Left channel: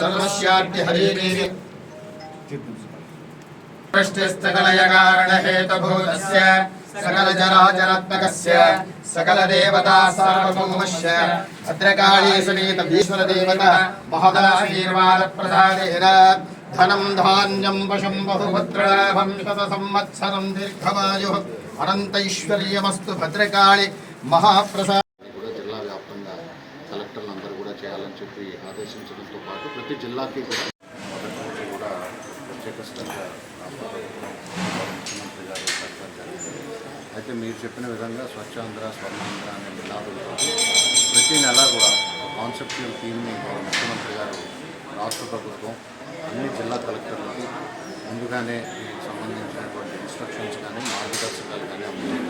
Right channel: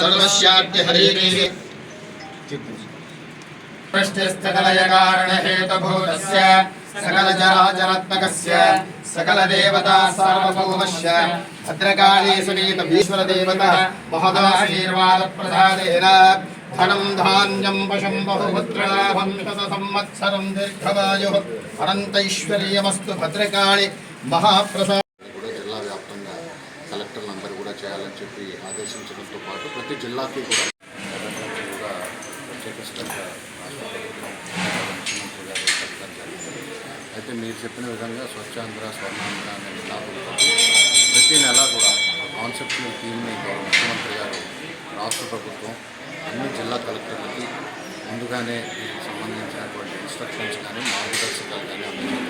सर्वस्याद्यहरीः पृष्टिस्तकलयकारणहेतभूतस्य सकलजराजरात्मकस्य सकलदेवता सार्वभौमस्य भद्रकाली समेतमीश्वरदेवतः महदाशीर्वादप्रसादेन धनम् धान्यम् वशम् बहुभद्रलाभम् शतसंवत्सरम् दीर्घवायुः अनन्तैश्वर्यमस्तु भद्रकाळि महाप्रसाद కలెక్టర్లు అందరూ కూడా చేయాలని చెప్పి ఆదేశించడంతో పాటు ప్రతి జిల్లాకి కూడా మొదటి నుంచి కూడా ప్రత్యేక శ్రద్ధ రాష్ట్ర ప్రభుత్వం ముఖ్యమంత్రి గారు పెట్టడం జరిగింది. అయితే మీరు చెప్పిన విధంగా స్వచ్ఛాంధ్ర స్వర్ణాంధ్ర అనే నినాదంతో ప్రతి నెల కూడా కాన్సెప్చువల్ థీమ్ని గౌరవ ముఖ్యమంత్రి గారు రాష్ట్ర ప్రభుత్వం అన్ని జిల్లా కలెక్టర్లకి ముందుగానే దీనికి సంబంధించినటువంటి ఇన్స్ట్రక్షన్స్ కానీ మార్గదర్శకాలు కానీ అందించారు